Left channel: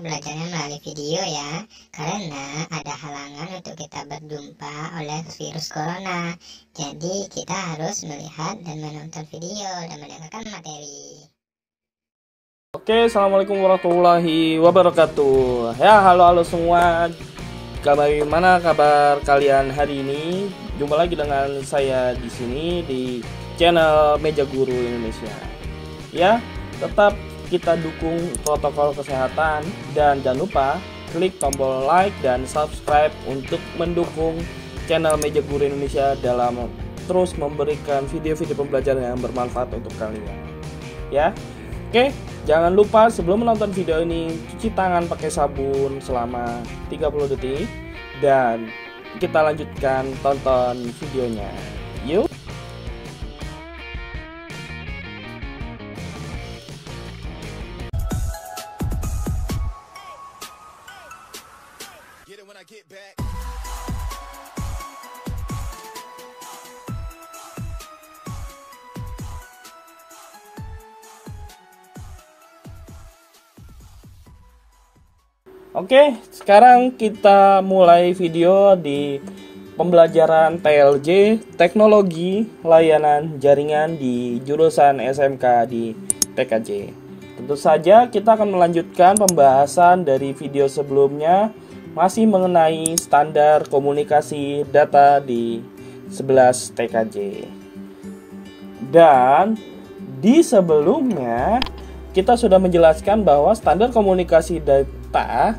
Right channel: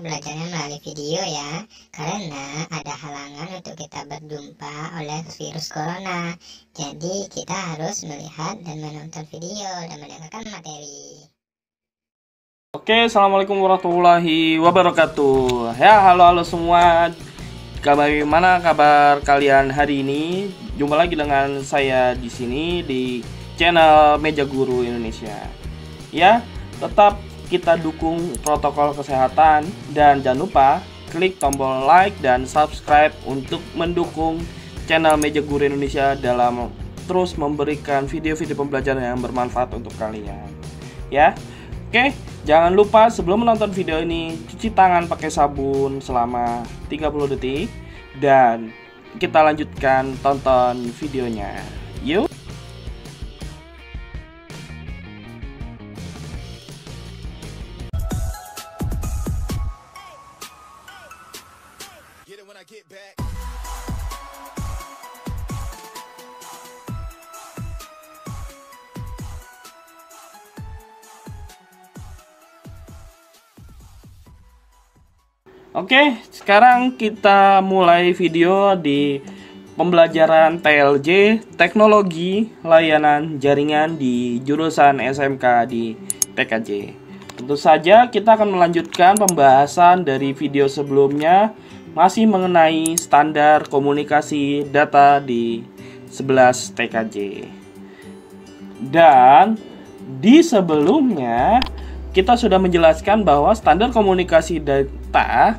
kita belajarnya melalui video ya, karena ada halangan untuk kita berjumpa oleh virus corona. Jadi kita harus melihat dan menonton video dan mendengarkan materi. Oke, assalamualaikum warahmatullahi wabarakatuh. Ya, halo semua. Bagaimana kabar kalian hari ini? Jumpa lagi dengan saya di sini di channel Meja Guru Indonesia. Ya, tetap kita dukung protokol kesehatan dan jangan lupa klik tombol like dan subscribe untuk mendukung channel Meja Guru Indonesia dalam terus memberikan video-video pembelajaran yang bermanfaat untuk kalian. Ya. Oke, jangan lupa sebelum menonton video ini cuci tangan pakai sabun selama 30 detik dan kita lanjutkan tonton videonya. Yuk. Oke, sekarang kita mulai video di pembelajaran TLJ, Teknologi Layanan Jaringan di jurusan SMK di PKJ. Tentu saja kita akan melanjutkan pembahasan dari video sebelumnya, masih mengenai standar komunikasi data di 11 TKJ. Dan di sebelumnya kita sudah menjelaskan bahwa standar komunikasi data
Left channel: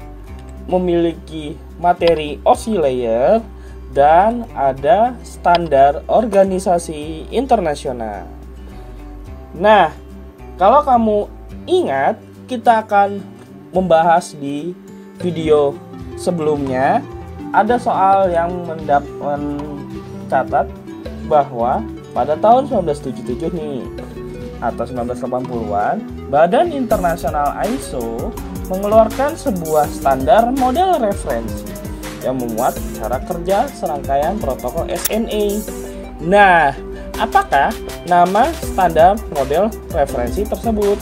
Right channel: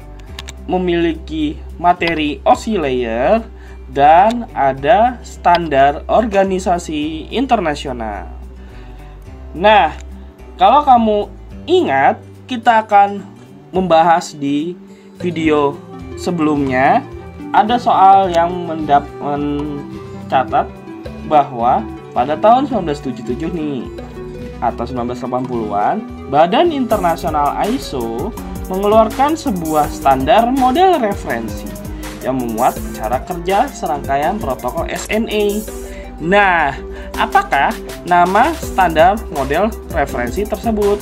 memiliki materi OSI layer dan ada standar organisasi internasional. Nah, kalau kamu ingat, kita akan membahas di video sebelumnya ada soal yang mencatat bahwa pada tahun 1977 nih atau 1980-an, Badan Internasional ISO mengeluarkan sebuah standar model referensi yang memuat cara kerja serangkaian protokol SNA. Nah, apakah nama standar model referensi tersebut?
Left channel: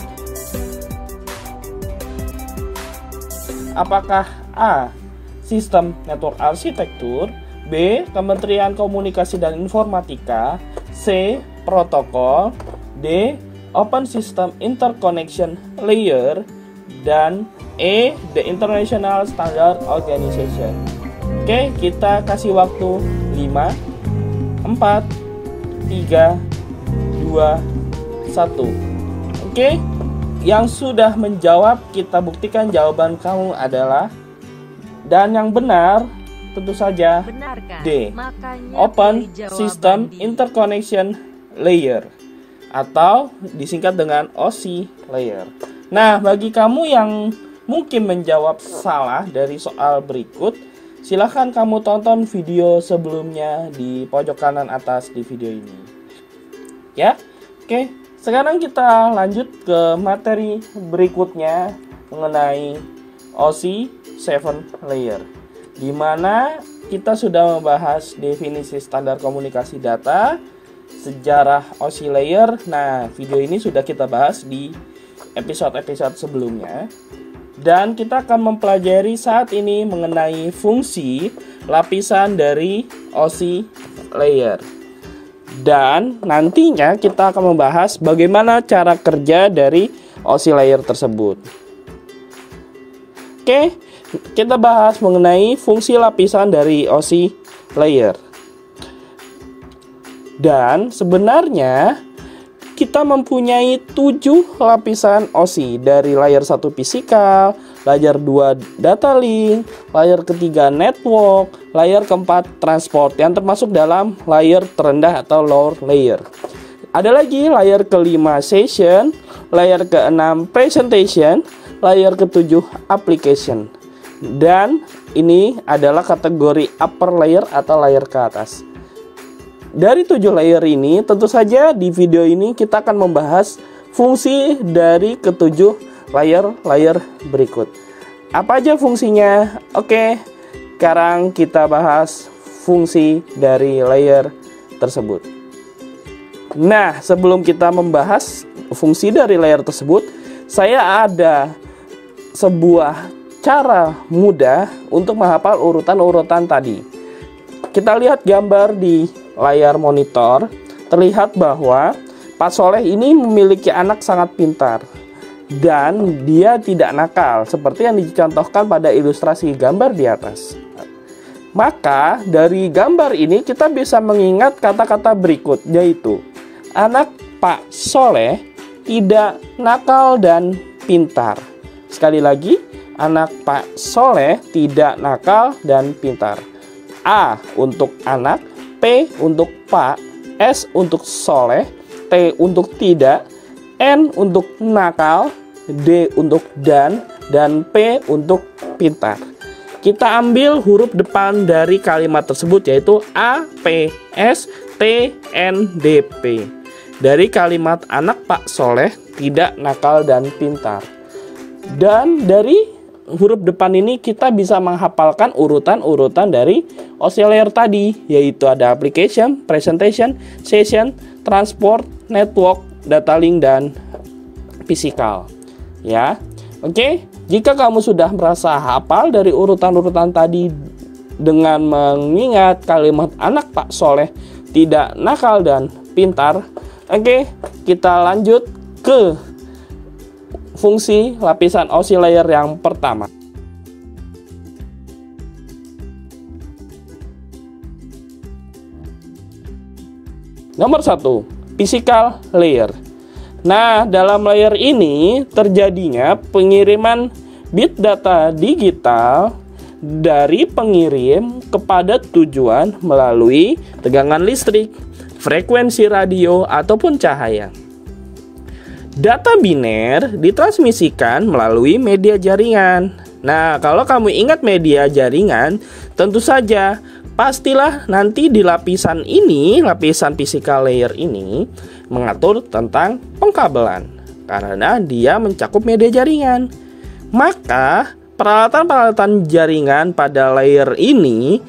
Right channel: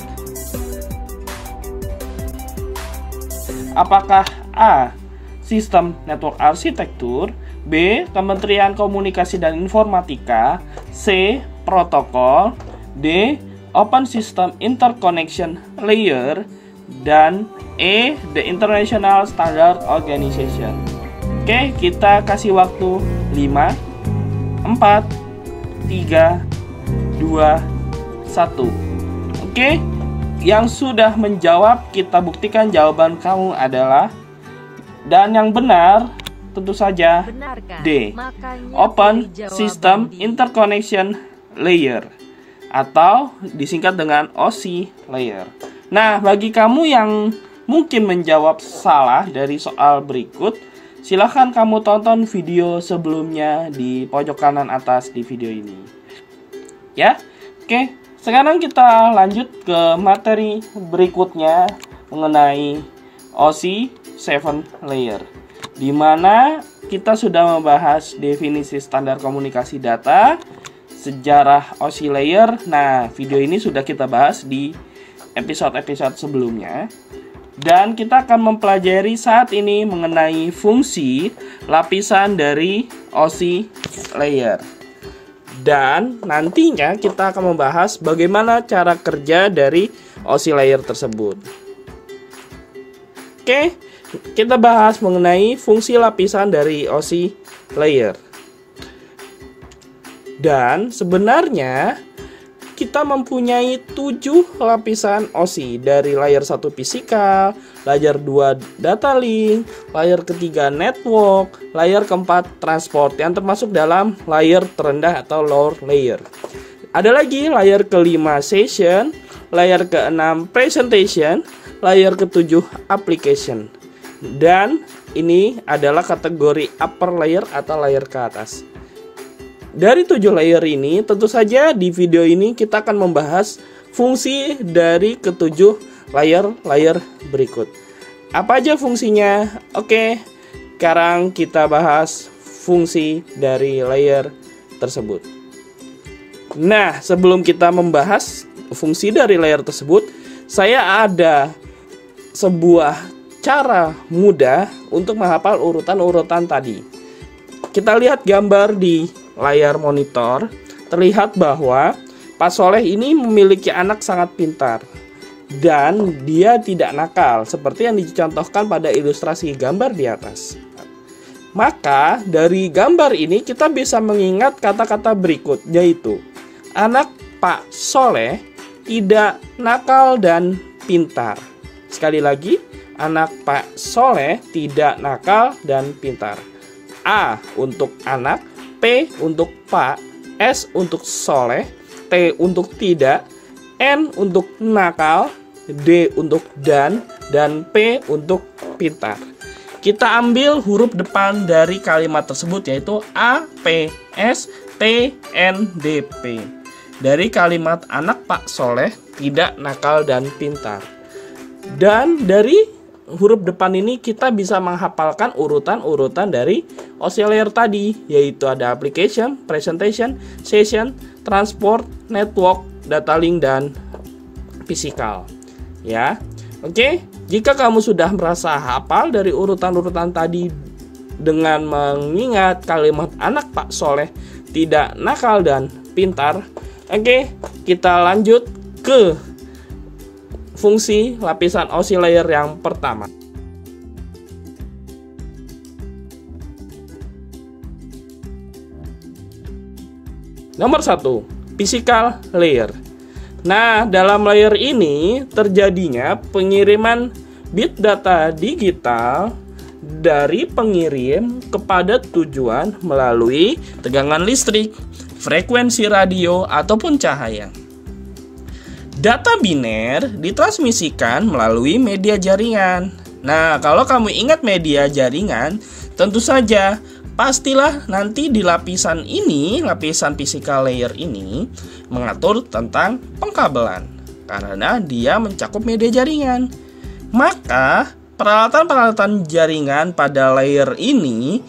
Apakah A. Sistem Network Arsitektur, B. Kementerian Komunikasi dan Informatika, C. Protokol, D. Open System Interconnection Layer, dan E. The International Standard Organization. Oke, kita kasih waktu 5, 4, 3, 2, 1. Oke, yang sudah menjawab kita buktikan jawaban kamu adalah, dan yang benar tentu saja D. Open System Interconnection Layer atau disingkat dengan OSI layer. Nah, bagi kamu yang mungkin menjawab salah dari soal berikut, silahkan kamu tonton video sebelumnya di pojok kanan atas di video ini. Ya, oke. Sekarang kita lanjut ke materi berikutnya mengenai OSI 7 layer, di mana kita sudah membahas definisi standar komunikasi data, sejarah OSI layer. Nah, video ini sudah kita bahas di episode-episode sebelumnya. Dan kita akan mempelajari saat ini mengenai fungsi lapisan dari OSI layer. Dan nantinya kita akan membahas bagaimana cara kerja dari OSI layer tersebut. Oke, kita bahas mengenai fungsi lapisan dari OSI layer. Dan sebenarnya kita mempunyai 7 lapisan OSI, dari layer 1 fisikal, layer 2 data link, layer ketiga network, layer keempat transport yang termasuk dalam layer terendah atau lower layer. Ada lagi layer kelima session, layer keenam presentation, layer ketujuh application. Dan ini adalah kategori upper layer atau layer ke atas. Dari 7 layer ini, tentu saja di video ini kita akan membahas fungsi dari ketujuh layer berikut. Apa aja fungsinya? Oke, sekarang kita bahas fungsi dari layer tersebut. Nah, sebelum kita membahas fungsi dari layer tersebut, saya ada sebuah cara mudah untuk menghafal urutan-urutan tadi. Kita lihat gambar di layar monitor, terlihat bahwa Pak Soleh ini memiliki anak sangat pintar dan dia tidak nakal seperti yang dicontohkan pada ilustrasi gambar di atas. Maka dari gambar ini kita bisa mengingat kata-kata berikut, yaitu anak Pak Soleh tidak nakal dan pintar. Sekali lagi, anak Pak Soleh tidak nakal dan pintar. A untuk anak, P untuk Pak, S untuk Soleh, T untuk tidak, N untuk nakal, D untuk dan P untuk pintar. Kita ambil huruf depan dari kalimat tersebut, yaitu A, P, S, T, N, D, P. Dari kalimat anak Pak Soleh tidak nakal dan pintar. Dan dari huruf depan ini kita bisa menghafalkan urutan-urutan dari OC layer tadi, yaitu ada application, presentation, session, transport, network, data link, dan physical. Ya, oke. Jika kamu sudah merasa hafal dari urutan-urutan tadi dengan mengingat kalimat anak Pak Soleh tidak nakal dan pintar, oke, kita lanjut ke fungsi lapisan OC layer yang pertama. Nomor 1, physical layer. Nah, dalam layer ini terjadinya pengiriman bit data digital dari pengirim kepada tujuan melalui tegangan listrik, frekuensi radio, ataupun cahaya. Data biner ditransmisikan melalui media jaringan. Nah, kalau kamu ingat media jaringan, tentu saja pastilah nanti di lapisan ini, lapisan physical layer ini mengatur tentang pengkabelan karena dia mencakup media jaringan. Maka peralatan-peralatan jaringan pada layer ini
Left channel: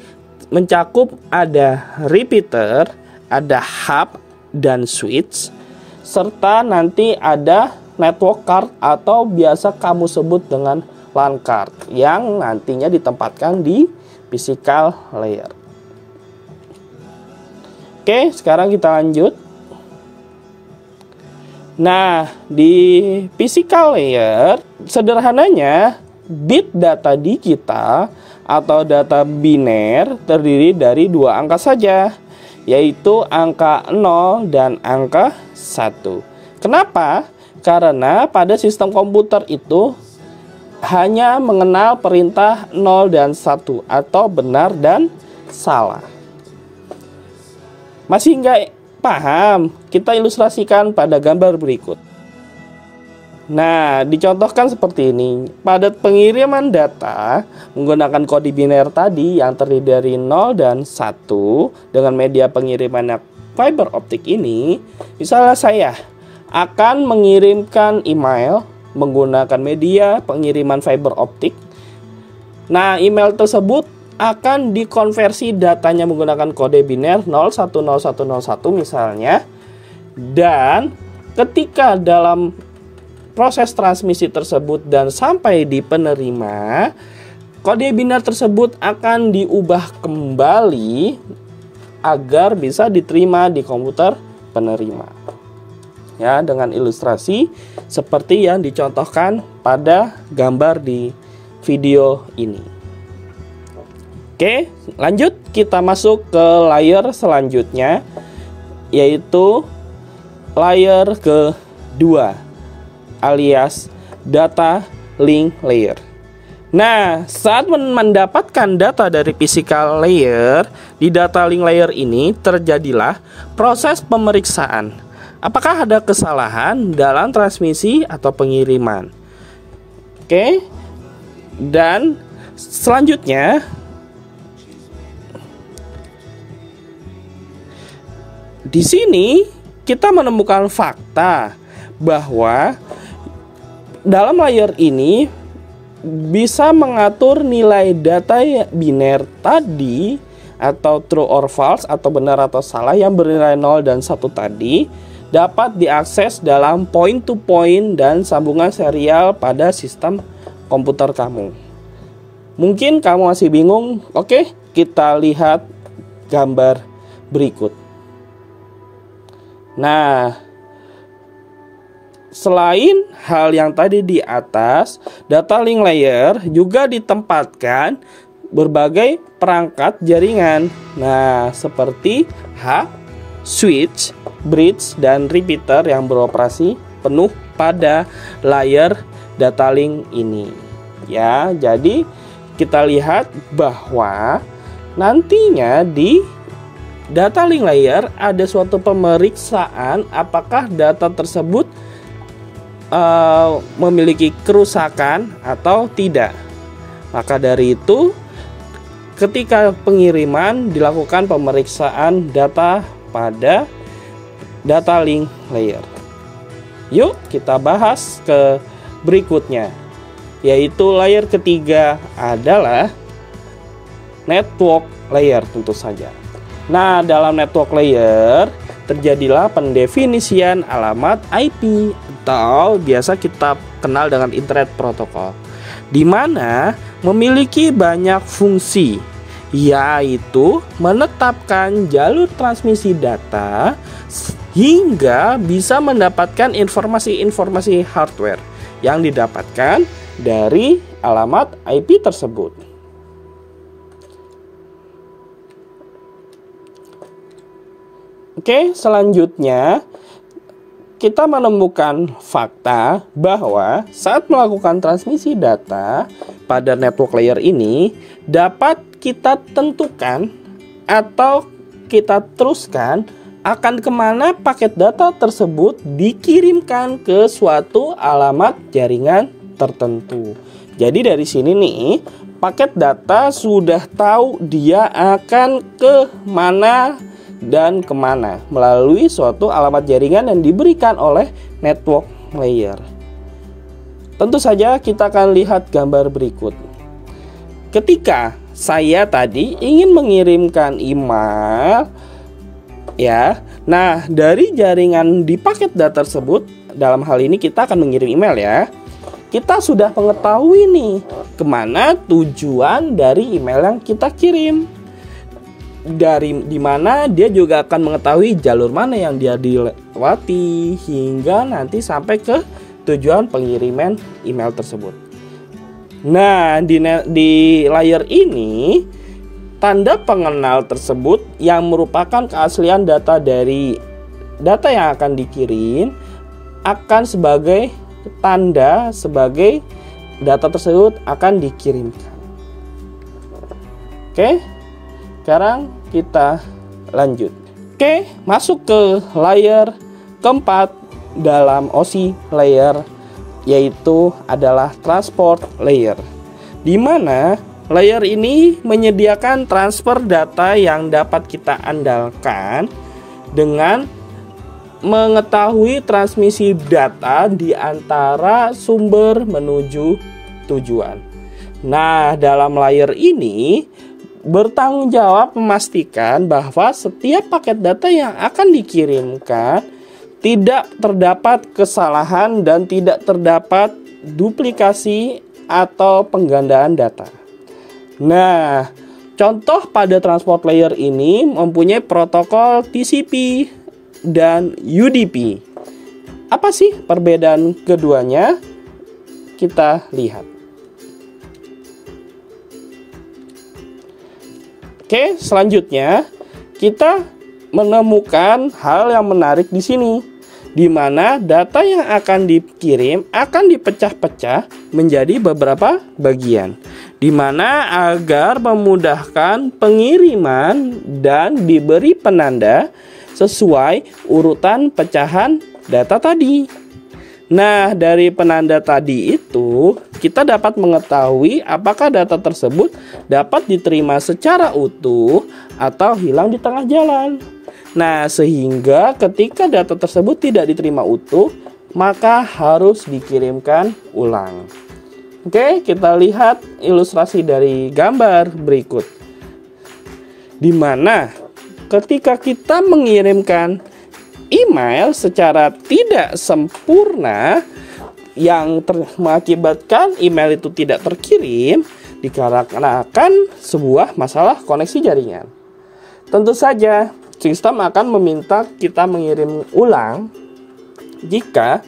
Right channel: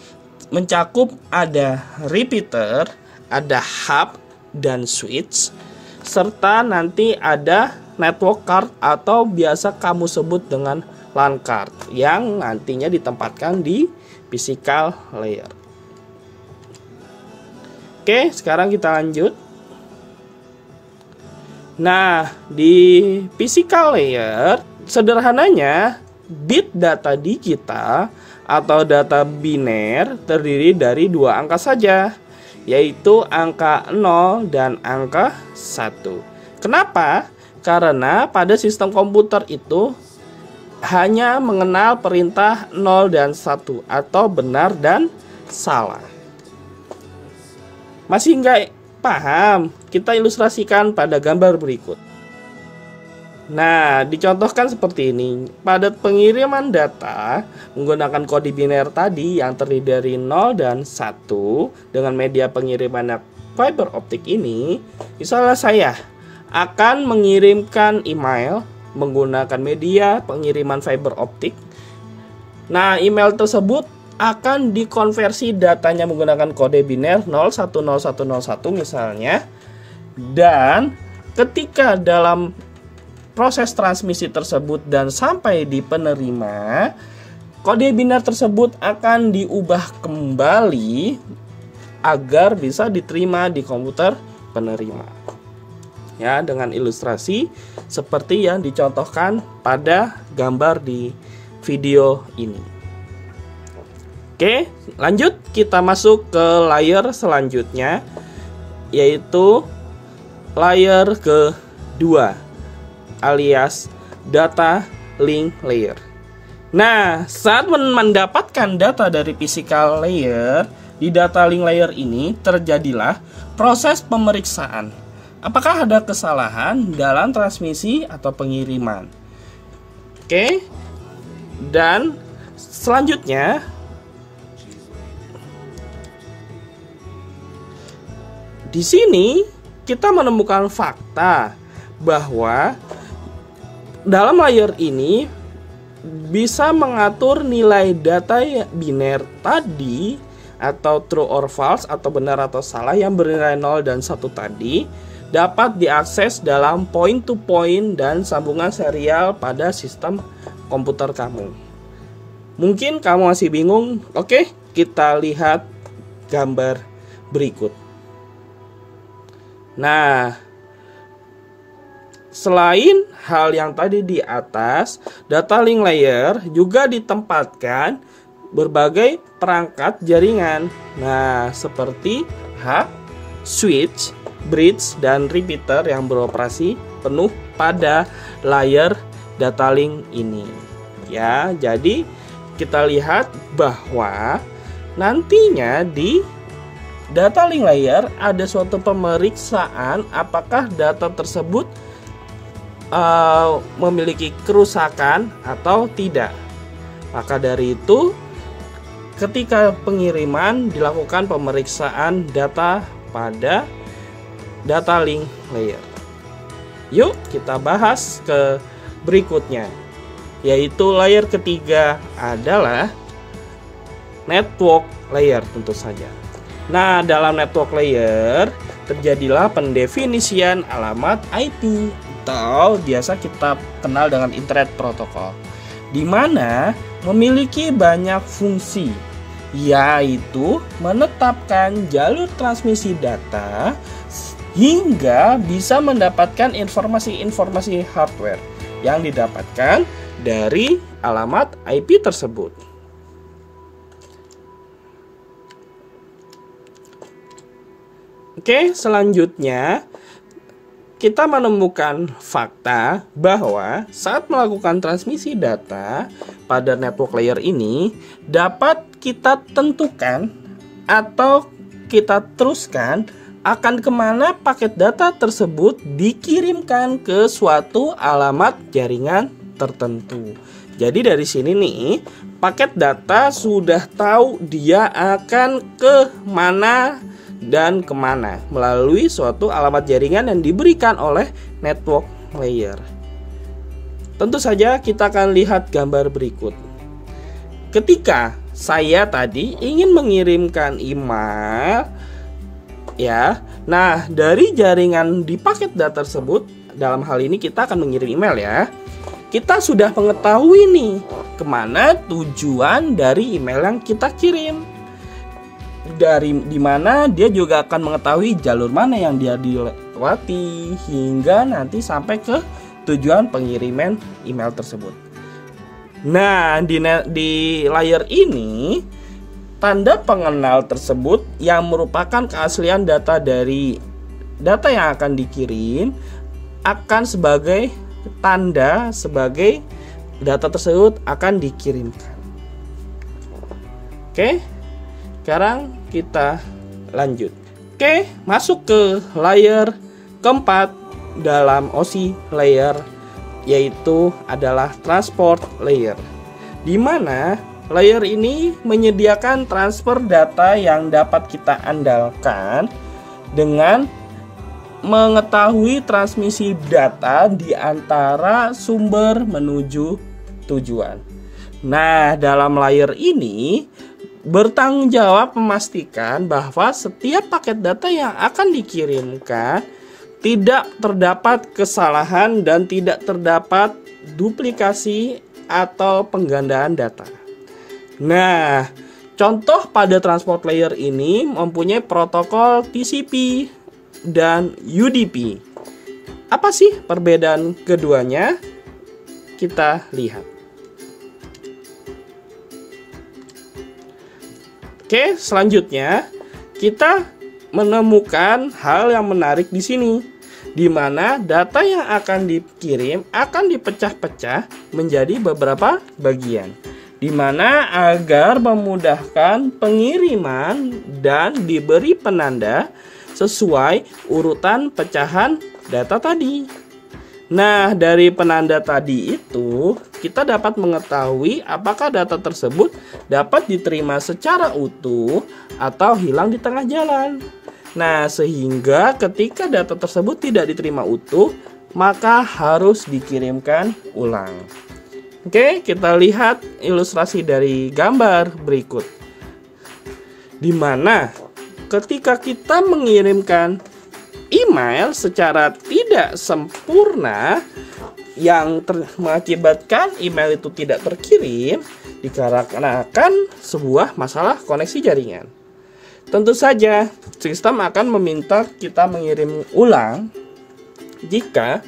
mencakup ada repeater, ada hub dan switch, serta nanti ada network card atau biasa kamu sebut dengan LAN card yang nantinya ditempatkan di physical layer. Oke, sekarang kita lanjut. Nah, di physical layer sederhananya bit data digital atau data biner terdiri dari dua angka saja, yaitu angka 0 dan angka 1. Kenapa? Karena pada sistem komputer itu hanya mengenal perintah 0 dan 1 atau benar dan salah. Masih nggak paham? Kita ilustrasikan pada gambar berikut. Nah, dicontohkan seperti ini. Pada pengiriman data menggunakan kode biner tadi yang terdiri dari 0 dan 1 dengan media pengiriman fiber optik ini, misalnya saya akan mengirimkan email menggunakan media pengiriman fiber optik. Nah, email tersebut akan dikonversi datanya menggunakan kode biner 010101 misalnya. Dan ketika dalam proses transmisi tersebut dan sampai di penerima, kode biner tersebut akan diubah kembali agar bisa diterima di komputer penerima. Ya, dengan ilustrasi seperti yang dicontohkan pada gambar di video ini. Oke, lanjut kita masuk ke layer selanjutnya, yaitu layer kedua alias data link layer. Nah, saat mendapatkan data dari physical layer, di data link layer ini terjadilah proses pemeriksaan. Apakah ada kesalahan dalam transmisi atau pengiriman? Oke, dan selanjutnya di sini kita menemukan fakta bahwa dalam layer ini bisa mengatur nilai data biner tadi atau true or false atau benar atau salah yang bernilai 0 dan 1 tadi dapat diakses dalam point to point dan sambungan serial pada sistem komputer kamu. Mungkin kamu masih bingung. Oke, kita lihat gambar berikut. Nah, selain hal yang tadi di atas, data link layer juga ditempatkan berbagai perangkat jaringan. Nah, seperti hub, switch, bridge, dan repeater yang beroperasi penuh pada layer data link ini. Ya, jadi kita lihat bahwa nantinya di data link layer ada suatu pemeriksaan apakah data tersebut memiliki kerusakan atau tidak. Maka dari itu, ketika pengiriman dilakukan pemeriksaan data pada data link layer. Yuk kita bahas ke berikutnya, yaitu layer ketiga adalah network layer tentu saja. Nah, dalam network layer terjadilah pendefinisian alamat IP atau biasa kita kenal dengan Internet Protocol, di mana memiliki banyak fungsi, yaitu menetapkan jalur transmisi data hingga bisa mendapatkan informasi-informasi hardware yang didapatkan dari alamat IP tersebut. Oke, selanjutnya kita menemukan fakta bahwa saat melakukan transmisi data pada network layer ini dapat kita tentukan atau kita teruskan akan kemana paket data tersebut dikirimkan ke suatu alamat jaringan tertentu. Jadi dari sini nih, paket data sudah tahu dia akan ke mana dan kemana melalui suatu alamat jaringan yang diberikan oleh network layer. Tentu saja kita akan lihat gambar berikut. Ketika saya tadi ingin mengirimkan email, ya, nah dari jaringan di paket data tersebut, dalam hal ini kita akan mengirim email ya. Kita sudah mengetahui nih kemana tujuan dari email yang kita kirim. Dari dimana dia juga akan mengetahui jalur mana yang dia dilewati hingga nanti sampai ke tujuan pengiriman email tersebut. Nah, di layer ini tanda pengenal tersebut yang merupakan keaslian data dari data yang akan dikirim akan sebagai tanda sebagai data tersebut akan dikirimkan. Oke. Sekarang kita lanjut. Oke, masuk ke layer keempat dalam OSI layer, yaitu adalah transport layer, di mana layer ini menyediakan transfer data yang dapat kita andalkan dengan mengetahui transmisi data di antara sumber menuju tujuan. Nah, dalam layer ini bertanggung jawab memastikan bahwa setiap paket data yang akan dikirimkan tidak terdapat kesalahan dan tidak terdapat duplikasi atau penggandaan data. Nah, contoh pada transport layer ini mempunyai protokol TCP dan UDP. Apa sih perbedaan keduanya? Kita lihat. Oke, selanjutnya kita menemukan hal yang menarik di sini, di mana data yang akan dikirim akan dipecah-pecah menjadi beberapa bagian, di mana agar memudahkan pengiriman dan diberi penanda sesuai urutan pecahan data tadi. Nah, dari penanda tadi itu kita dapat mengetahui apakah data tersebut dapat diterima secara utuh atau hilang di tengah jalan. Nah, sehingga ketika data tersebut tidak diterima utuh, maka harus dikirimkan ulang. Oke, kita lihat ilustrasi dari gambar berikut. Di mana ketika kita mengirimkan email secara tidak sempurna yang mengakibatkan email itu tidak terkirim, dikarenakan sebuah masalah koneksi jaringan. Tentu saja, sistem akan meminta kita mengirim ulang jika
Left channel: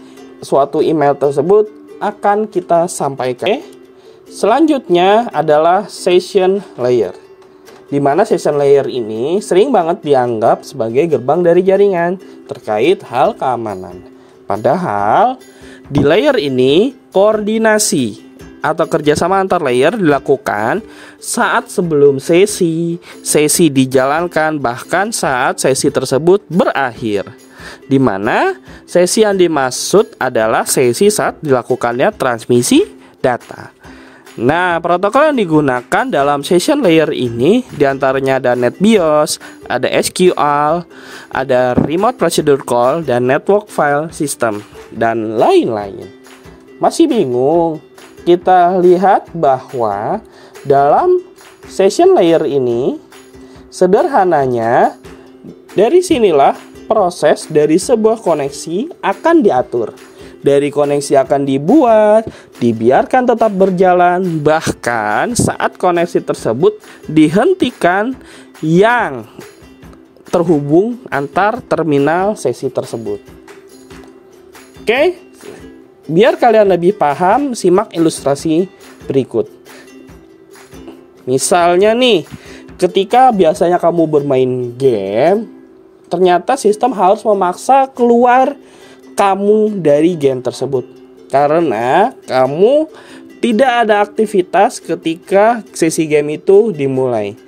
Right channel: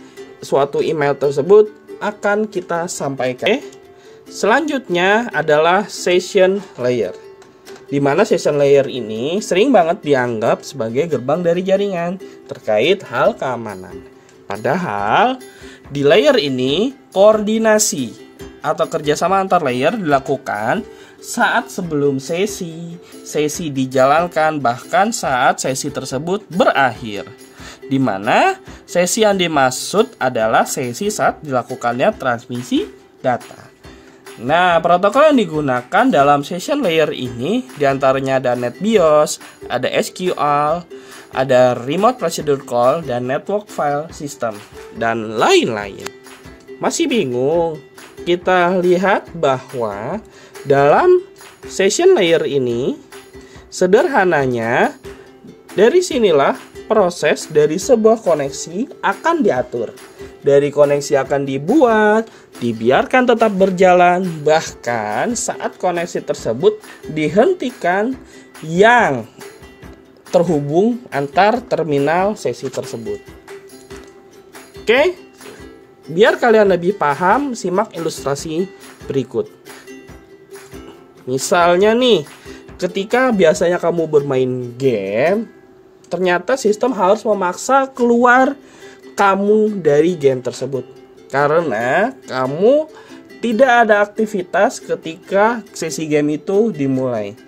suatu email tersebut akan kita sampaikan. Selanjutnya adalah session layer, di mana session layer ini sering banget dianggap sebagai gerbang dari jaringan terkait hal keamanan. Padahal di layer ini koordinasi atau kerjasama antar layer dilakukan saat sebelum sesi dijalankan, bahkan saat sesi tersebut berakhir, di mana sesi yang dimaksud adalah sesi saat dilakukannya transmisi data. Nah, protokol yang digunakan dalam session layer ini diantaranya ada NetBIOS, ada SQL, ada Remote Procedure Call, dan Network File System, dan lain-lain. Masih bingung? Kita lihat bahwa dalam session layer ini, sederhananya, dari sinilah proses dari sebuah koneksi akan diatur. Dari koneksi akan dibuat, dibiarkan tetap berjalan, bahkan saat koneksi tersebut dihentikan yang terhubung antar terminal sesi tersebut. Oke, biar kalian lebih paham, simak ilustrasi berikut. Misalnya nih, ketika biasanya kamu bermain game, ternyata sistem harus memaksa keluar kamu dari game tersebut karena kamu tidak ada aktivitas ketika sesi game itu dimulai.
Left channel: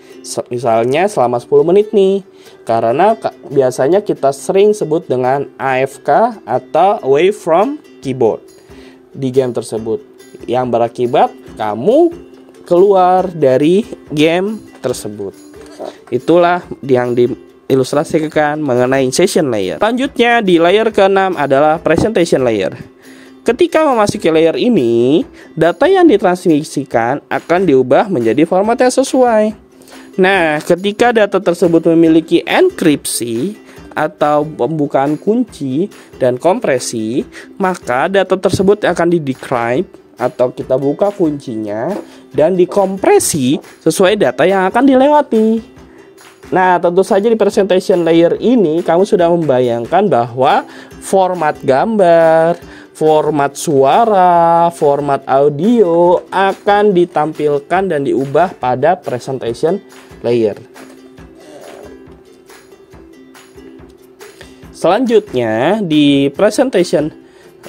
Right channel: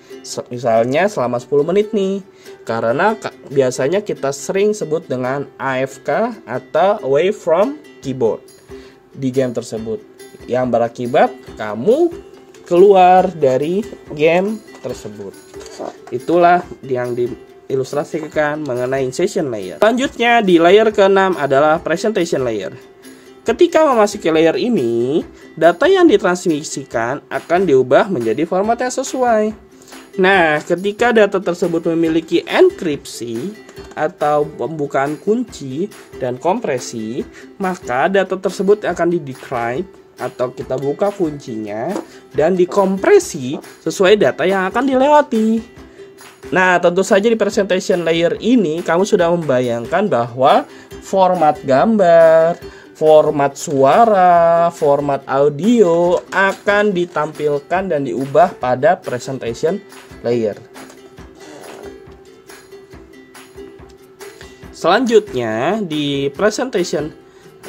Misalnya selama 10 menit nih, karena biasanya kita sering sebut dengan AFK atau away from keyboard di game tersebut, yang berakibat kamu keluar dari game tersebut. Itulah yang ilustrasikan mengenai session layer. Selanjutnya di layer ke-6 adalah presentation layer. Ketika memasuki layer ini, data yang ditransmisikan akan diubah menjadi format yang sesuai. Nah, ketika data tersebut memiliki enkripsi atau pembukaan kunci dan kompresi, maka data tersebut akan di-decrypt atau kita buka kuncinya dan dikompresi sesuai data yang akan dilewati. Nah, tentu saja di presentation layer ini kamu sudah membayangkan bahwa format gambar, format suara, format audio akan ditampilkan dan diubah pada presentation layer. Selanjutnya di presentation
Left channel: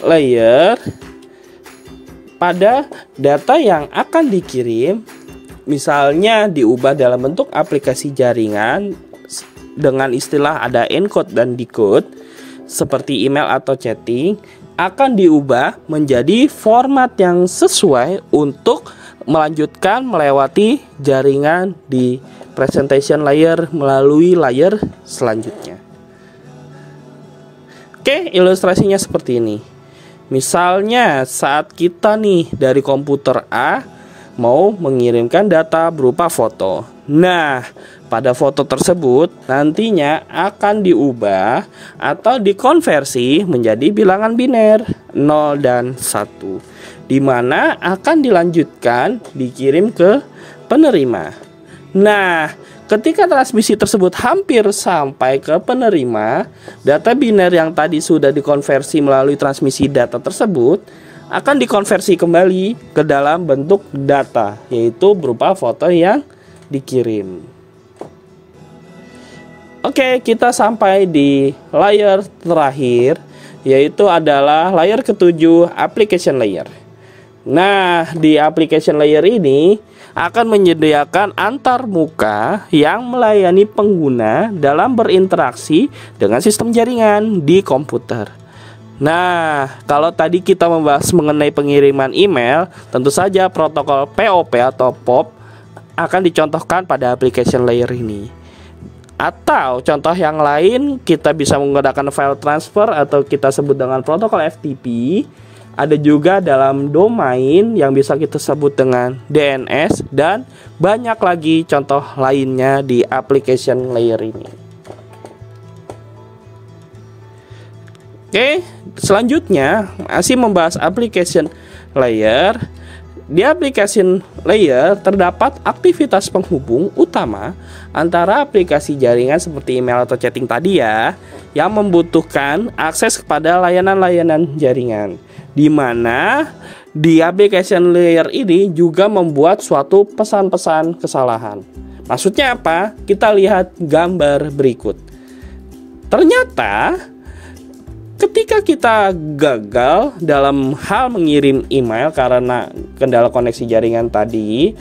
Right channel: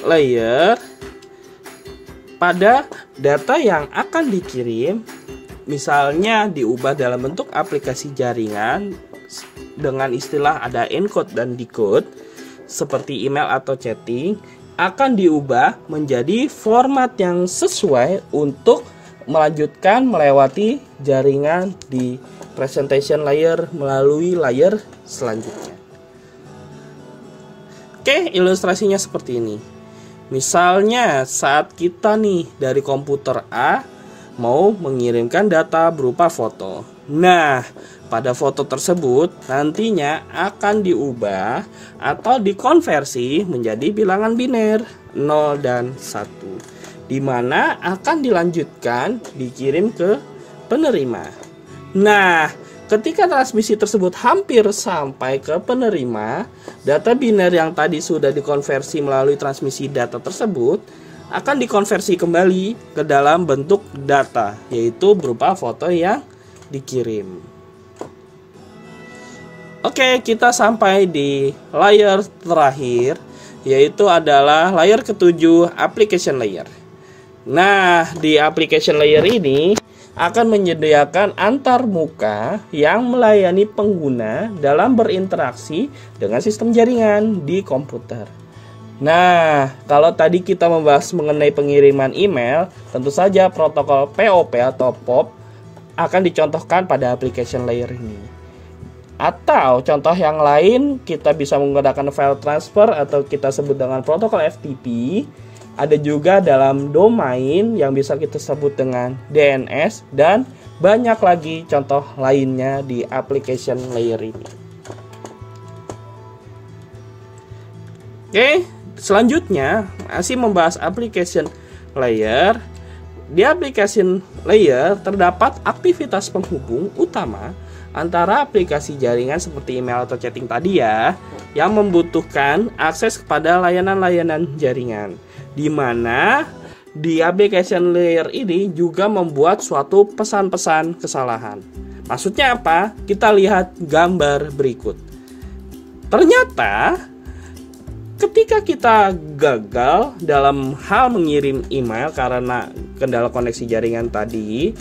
layer, pada data yang akan dikirim, misalnya diubah dalam bentuk aplikasi jaringan dengan istilah ada encode dan decode seperti email atau chatting, akan diubah menjadi format yang sesuai untuk melanjutkan melewati jaringan di presentation layer melalui layer selanjutnya. Oke, ilustrasinya seperti ini. Misalnya saat kita nih dari komputer A mau mengirimkan data berupa foto. Nah, pada foto tersebut nantinya akan diubah atau dikonversi menjadi bilangan biner 0 dan 1, di mana akan dilanjutkan dikirim ke penerima. Nah, ketika transmisi tersebut hampir sampai ke penerima, data biner yang tadi sudah dikonversi melalui transmisi data tersebut akan dikonversi kembali ke dalam bentuk data, yaitu berupa foto yang dikirim. Oke, kita sampai di layer terakhir, yaitu adalah layer ke-7, application layer. Nah, di application layer ini akan menyediakan antarmuka yang melayani pengguna dalam berinteraksi dengan sistem jaringan di komputer. Nah, kalau tadi kita membahas mengenai pengiriman email, tentu saja protokol POP atau POP akan dicontohkan pada application layer ini. Atau contoh yang lain, kita bisa menggunakan file transfer atau kita sebut dengan protokol FTP. Ada juga dalam domain yang bisa kita sebut dengan DNS, dan banyak lagi contoh lainnya di application layer ini. Oke, selanjutnya masih membahas application layer. Di application layer terdapat aktivitas penghubung utama antara aplikasi jaringan seperti email atau chatting tadi ya, yang membutuhkan akses kepada layanan-layanan jaringan, di mana di application layer ini juga membuat suatu pesan-pesan kesalahan. Maksudnya apa? Kita lihat gambar berikut. Ternyata ketika kita gagal dalam hal mengirim email karena kendala koneksi jaringan tadi,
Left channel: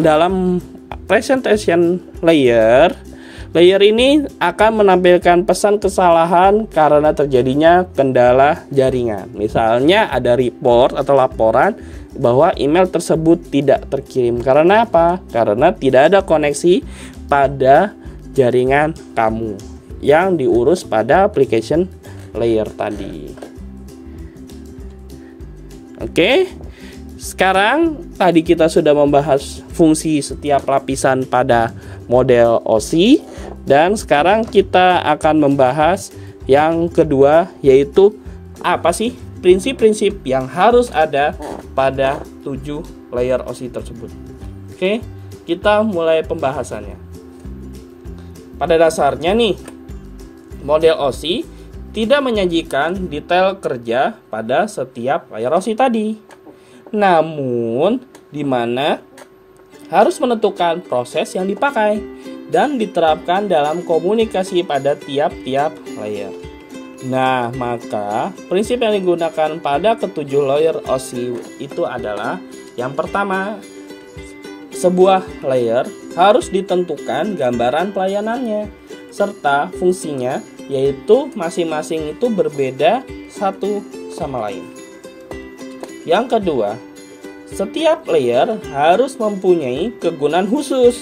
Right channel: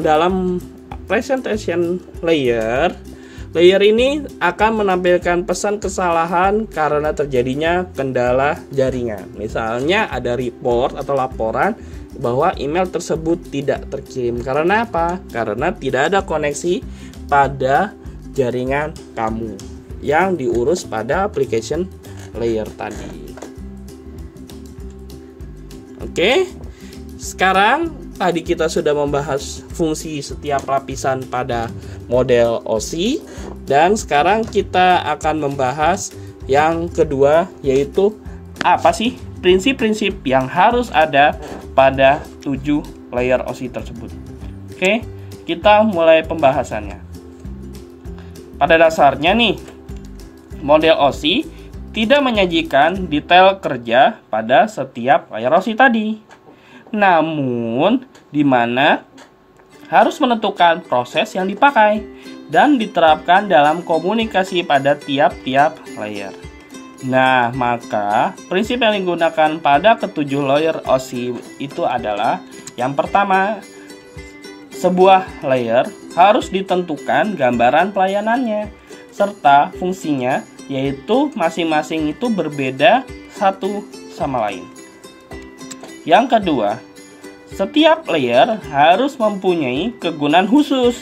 dalam presentation layer ini akan menampilkan pesan kesalahan karena terjadinya kendala jaringan. Misalnya ada report atau laporan bahwa email tersebut tidak terkirim. Karena apa? Karena tidak ada koneksi pada jaringan kamu yang diurus pada application layer tadi. Oke, sekarang tadi kita sudah membahas fungsi setiap lapisan pada model OSI, dan sekarang kita akan membahas yang kedua, yaitu apa sih prinsip-prinsip yang harus ada pada 7 layer OSI tersebut. Oke, kita mulai pembahasannya. Pada dasarnya nih, model OSI tidak menyajikan detail kerja pada setiap layer OSI tadi. Namun, di mana harus menentukan proses yang dipakai dan diterapkan dalam komunikasi pada tiap-tiap layer. Nah, maka prinsip yang digunakan pada ketujuh layer OSI itu adalah yang pertama, sebuah layer harus ditentukan gambaran pelayanannya serta fungsinya, yaitu masing-masing itu berbeda satu sama lain. Yang kedua, setiap layer harus mempunyai kegunaan khusus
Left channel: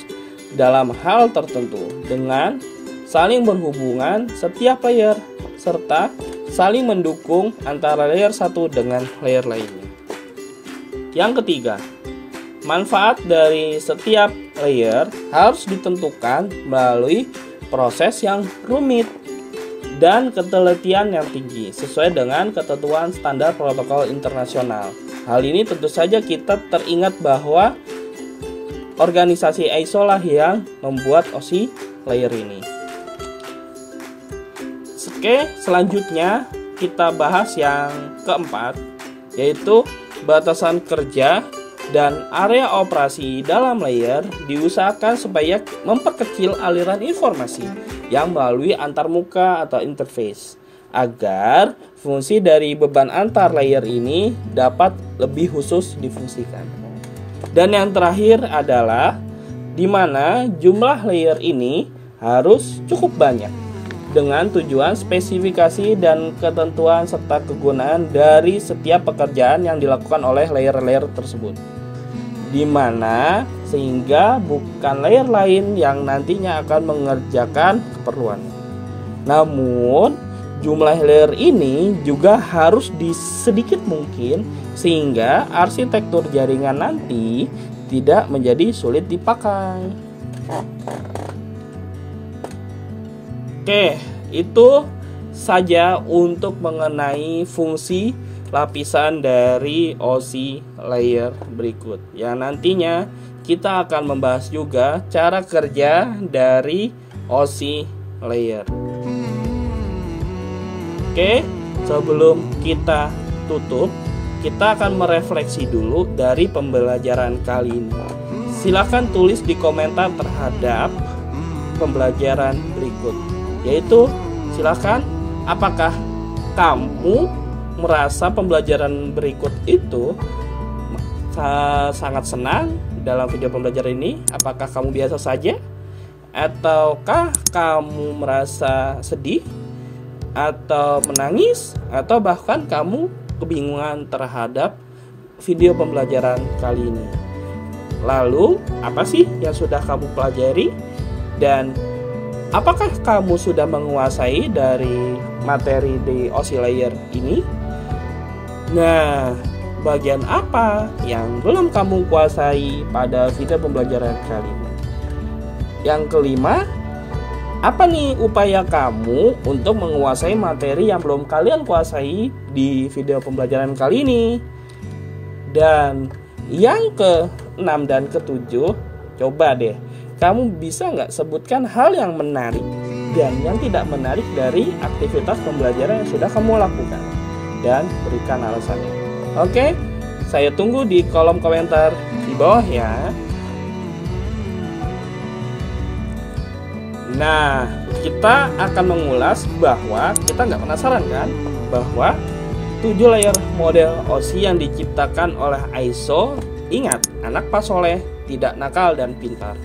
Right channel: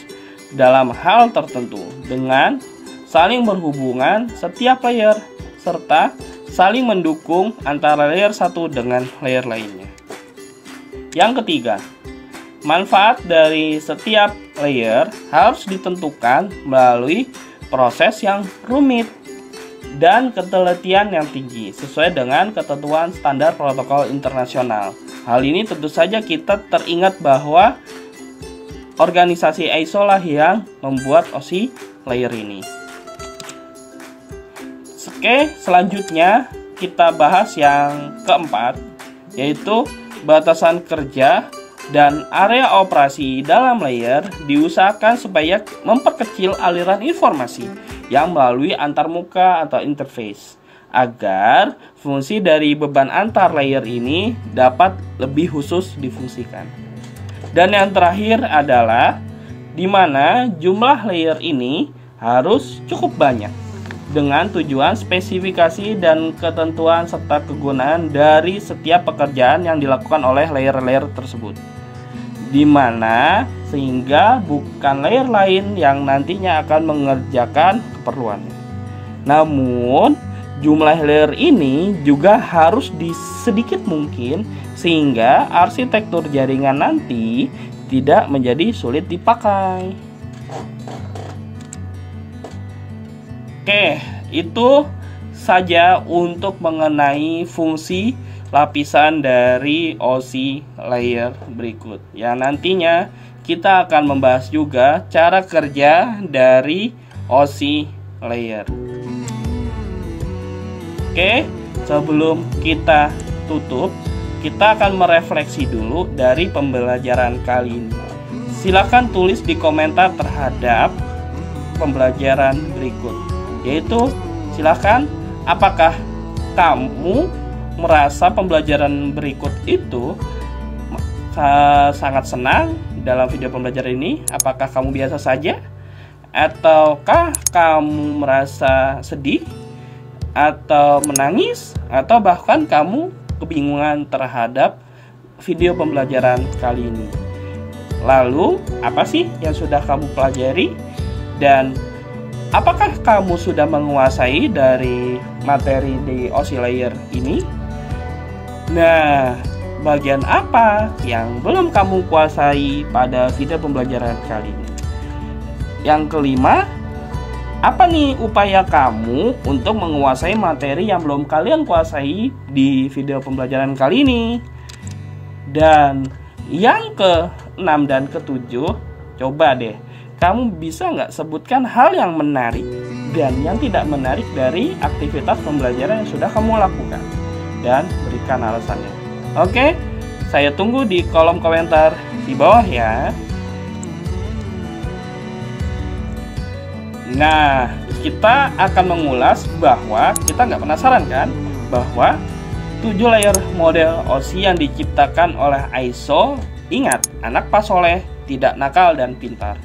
dalam hal tertentu dengan saling berhubungan setiap layer serta saling mendukung antara layer satu dengan layer lainnya. Yang ketiga, manfaat dari setiap layer harus ditentukan melalui proses yang rumit dan ketelitian yang tinggi sesuai dengan ketentuan standar protokol internasional. Hal ini tentu saja kita teringat bahwa organisasi ISO lah yang membuat OSI layer ini. Oke, selanjutnya kita bahas yang keempat, yaitu batasan kerja dan area operasi dalam layer diusahakan supaya memperkecil aliran informasi yang melalui antarmuka atau interface agar fungsi dari beban antar layer ini dapat lebih khusus difungsikan. Dan yang terakhir adalah di mana jumlah layer ini harus cukup banyak dengan tujuan spesifikasi dan ketentuan serta kegunaan dari setiap pekerjaan yang dilakukan oleh layer-layer tersebut. Di mana sehingga bukan layer lain yang nantinya akan mengerjakan keperluannya. Namun, jumlah layer ini juga harus sedikit mungkin sehingga arsitektur jaringan nanti tidak menjadi sulit dipakai. Oke, itu saja untuk mengenai fungsi lapisan dari OSI layer berikut. Yang nantinya kita akan membahas juga cara kerja dari OSI layer. Oke, sebelum kita tutup, kita akan merefleksi dulu dari pembelajaran kali ini. Silakan tulis di komentar terhadap pembelajaran berikut, yaitu silakan apakah kamu merasa pembelajaran berikut itu sangat senang dalam video pembelajaran ini? Apakah kamu biasa saja? Ataukah kamu merasa sedih? Atau menangis? Atau bahkan kamu kebingungan terhadap video pembelajaran kali ini? Lalu, apa sih yang sudah kamu pelajari? Dan apakah kamu sudah menguasai dari materi di OSI layer ini? Nah, bagian apa yang belum kamu kuasai pada video pembelajaran kali ini? Yang kelima, apa nih upaya kamu untuk menguasai materi yang belum kalian kuasai di video pembelajaran kali ini? Dan yang ke-6 dan ke-7, coba deh, kamu bisa nggak sebutkan hal yang menarik dan yang tidak menarik dari aktivitas pembelajaran yang sudah kamu lakukan, dan berikan alasannya. Oke, saya tunggu di kolom komentar di bawah ya. Nah, kita akan mengulas bahwa kita nggak penasaran kan bahwa 7 layer model OSI yang diciptakan oleh ISO, ingat, anak Pak Soleh, tidak nakal dan pintar,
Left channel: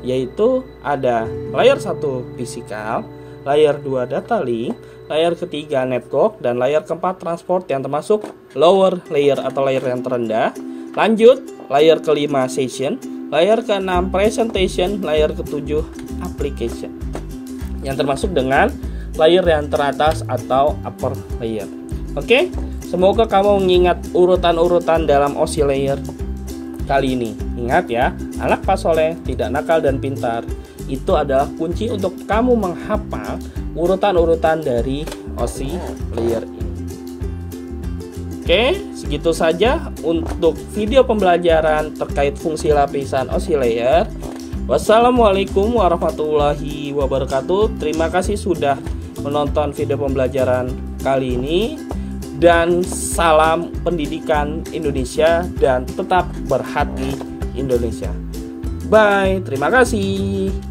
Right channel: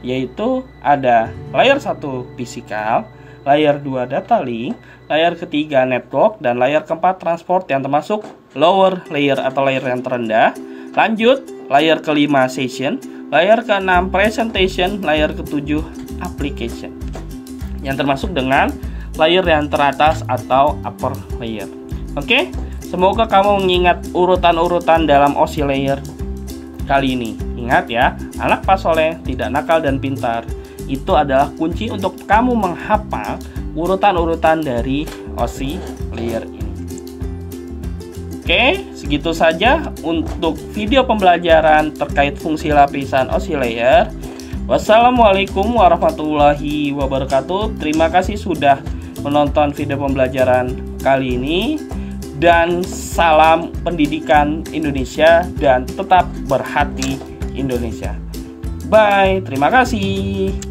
yaitu ada layer 1 fisikal, layer 2 data link, layer ketiga network, dan layer keempat transport yang termasuk lower layer atau layer yang terendah. Lanjut, layer kelima session, layer ke-6 presentation, layer ke-7 application, yang termasuk dengan layer yang teratas atau upper layer. Oke, semoga kamu mengingat urutan-urutan dalam OSI layer kali ini. Ingat ya, anak Pak Soleh, tidak nakal dan pintar. Itu adalah kunci untuk kamu menghafal urutan-urutan dari OSI layer ini. Oke, segitu saja untuk video pembelajaran terkait fungsi lapisan OSI layer. Wassalamualaikum warahmatullahi wabarakatuh. Terima kasih sudah menonton video pembelajaran kali ini. Dan salam pendidikan Indonesia dan tetap berhati Indonesia. Bye, terima kasih.